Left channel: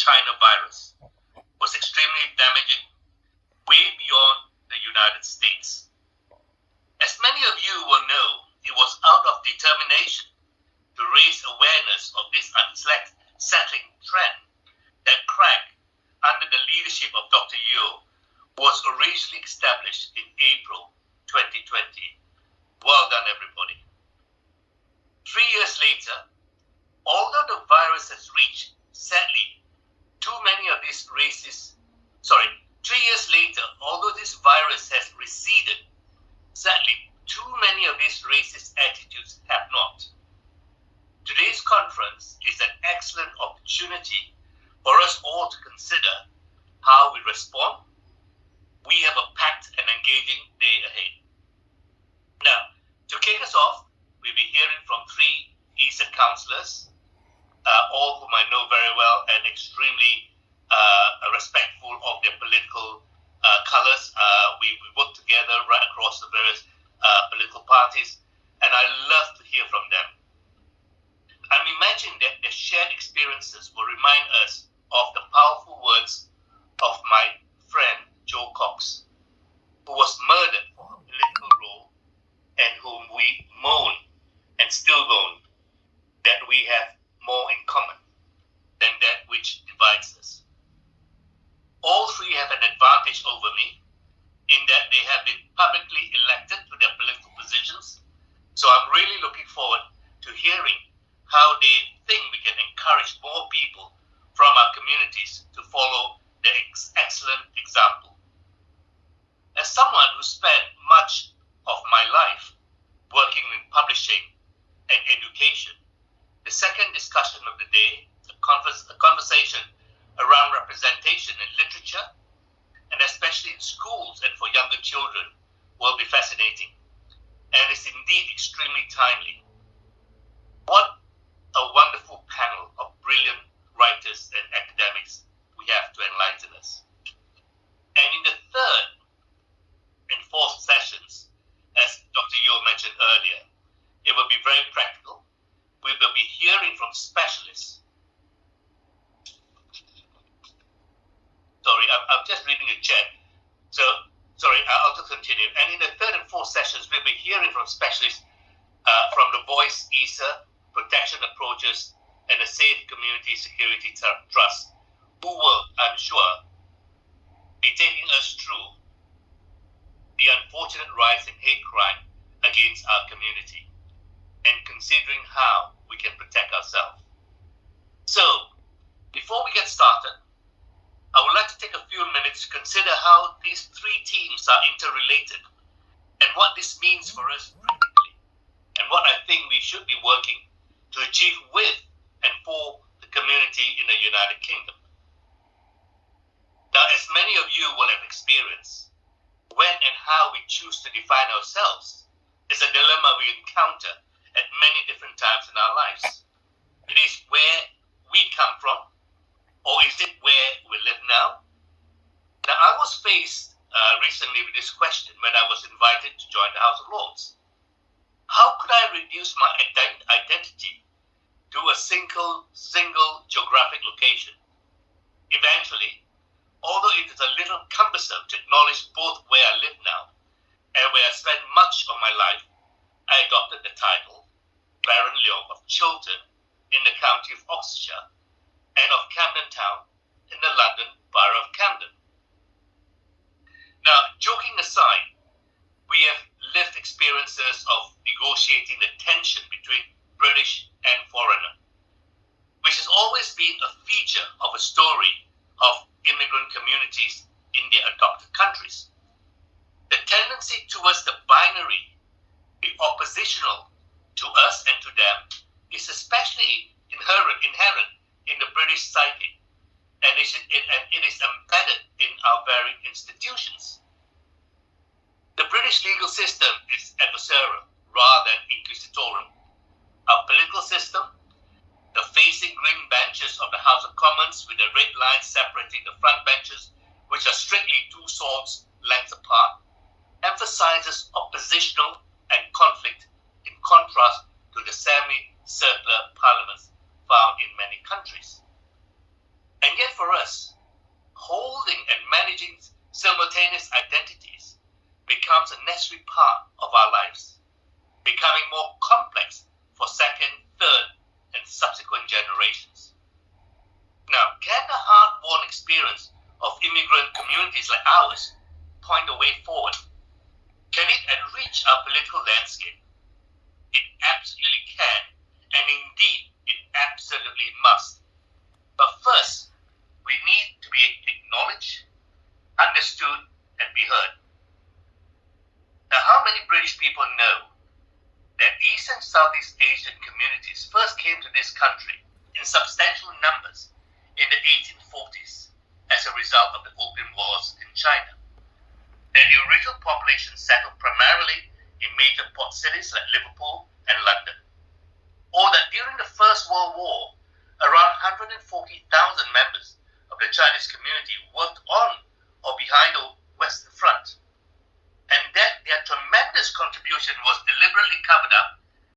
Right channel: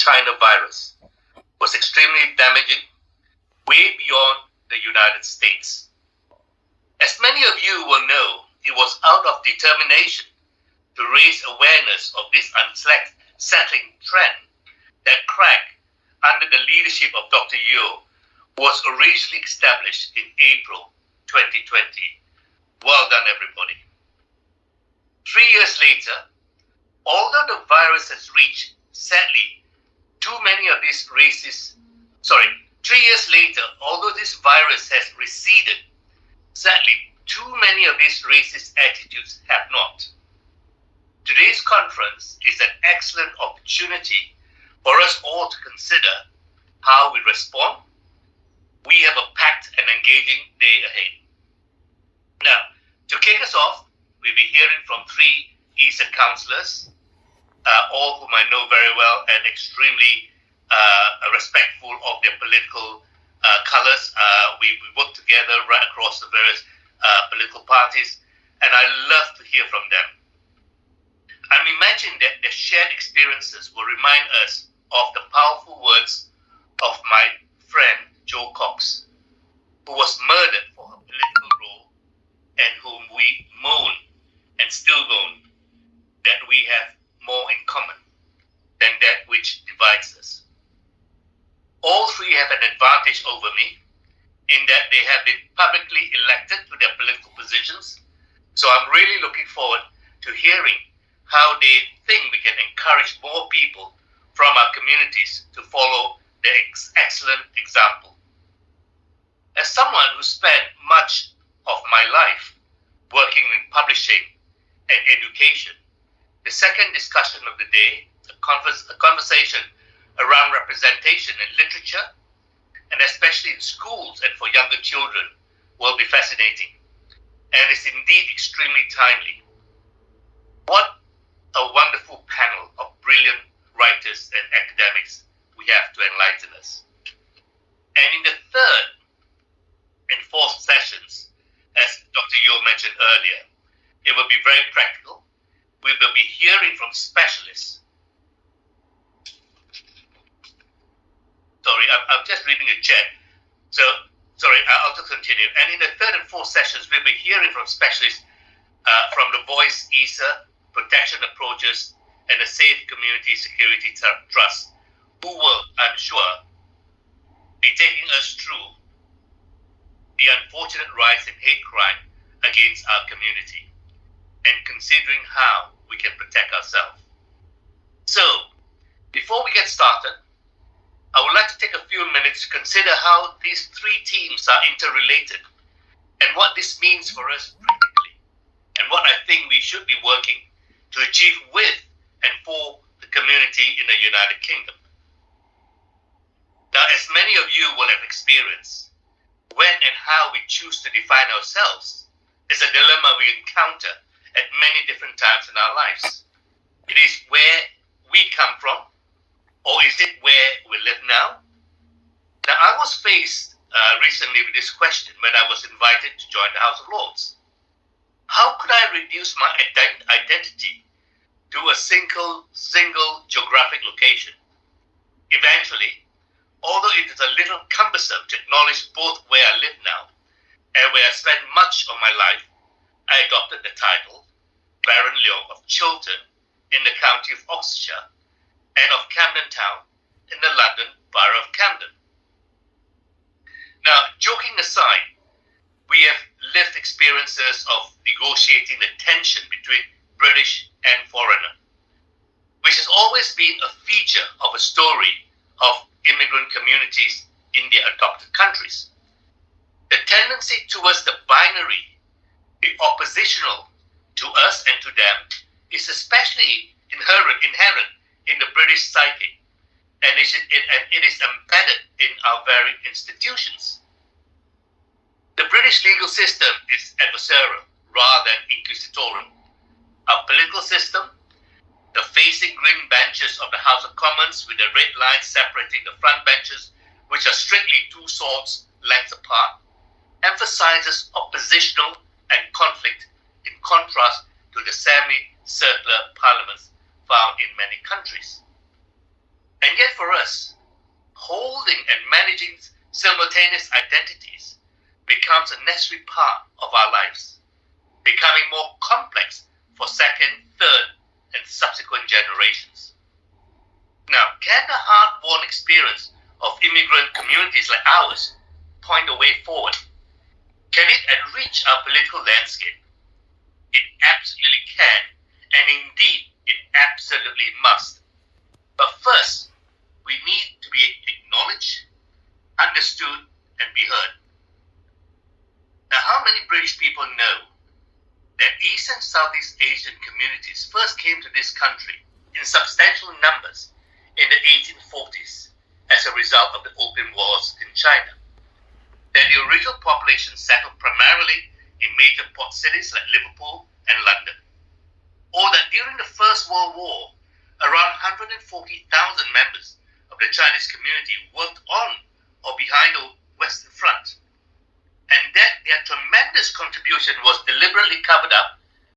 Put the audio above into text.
China virus was extremely damaging, way beyond the United States. As many of you will know, it was out of determination to raise awareness of this unsettling trend that CRAG, under the leadership of Dr. Yeo, was originally established in April 2020. Well done, everybody. 3 years later, although the virus has reached, sadly, too many of these races, 3 years later, although this virus has receded, sadly, too many of these racist attitudes have not. Today's conference is an excellent opportunity for us all to consider how we respond. We have a packed and engaging day ahead. Now, to kick us off, we'll be hearing from 3 ESA councillors, all whom I know very well and extremely respectful of their political colours. We work together right across the various political parties, and I love to hear from them. I'm imagining that their shared experiences will remind us of the powerful words of my friend Jo Cox, who was murdered for her political role and whom we moan and still moan that we have more in common than that which divides us. All 3 have an advantage over me in that they have been publicly elected to their political positions, so I'm really looking forward to hearing how they think we can encourage more people from our communities to follow their excellent example. As someone who spent much of my life working in publishing and education, the second discussion of the day, a conversation around representation in literature, and especially in schools and for younger children, will be fascinating, and is indeed extremely timely. What a wonderful panel of brilliant writers and academics we have to enlighten us. And in the third and fourth sessions, as Dr. Yeo mentioned earlier, it will be very practical. We will be hearing from specialists. Sorry, I'm just reading the chat. So, sorry, I'll just continue. And in the third and fourth sessions, we'll be hearing from specialists from the Voice ESA, Protection Approaches, and the Safe Community Security Trust, who will, I'm sure, be taking us through the unfortunate rise in hate crime against our community and considering how we can protect ourselves. So, before we get started, I would like to take a few minutes to consider how these 3 teams are interrelated and what this means for us practically, and what I think we should be working to achieve with and for the community in the United Kingdom. Now, as many of you will have experienced, when and how we choose to define ourselves is a dilemma we encounter at many different times in our lives. It is where we come from, or is it where we live now? Now, I was faced recently with this question when I was invited to join the House of Lords. How could I reduce my identity to a single geographic location? Eventually, although it is a little cumbersome to acknowledge both where I live now and where I spent much of my life, I adopted the title Baron Leong of Chiltern in the county of Oxfordshire and of Camden Town in the London Borough of Camden. Now, joking aside, we have lived experiences of negotiating the tension between British and foreigner, which has always been a feature of a story of immigrant communities in their adopted countries. The tendency towards the binary, the oppositional to us and to them, is especially inherent in the British psyche, and it is embedded in our very institutions. The British legal system is adversarial rather than inquisitorial. Our political system, the facing green benches of the House of Commons with the red lines separating the front benches, which are strictly 2 swords lengths apart, emphasizes oppositional and conflict in contrast to the semi-circular parliaments found in many countries. And yet for us, holding and managing simultaneous identities becomes a necessary part of our lives, becoming more complex for second, third, and subsequent generations. Now, can the hard-won experience of immigrant communities like ours point a way forward? Can it enrich our political landscape? It absolutely can, and indeed, it absolutely must. But first, we need to be acknowledged, understood, and be heard. Now, how many British people know that East and Southeast Asian communities first came to this country in substantial numbers in the 1840s as a result of the Opium Wars in China? That the original population settled primarily in major port cities like Liverpool and London. Or that during the First World War, around 140,000 members of the Chinese community worked on or behind the Western Front, and that their tremendous contribution was deliberately covered up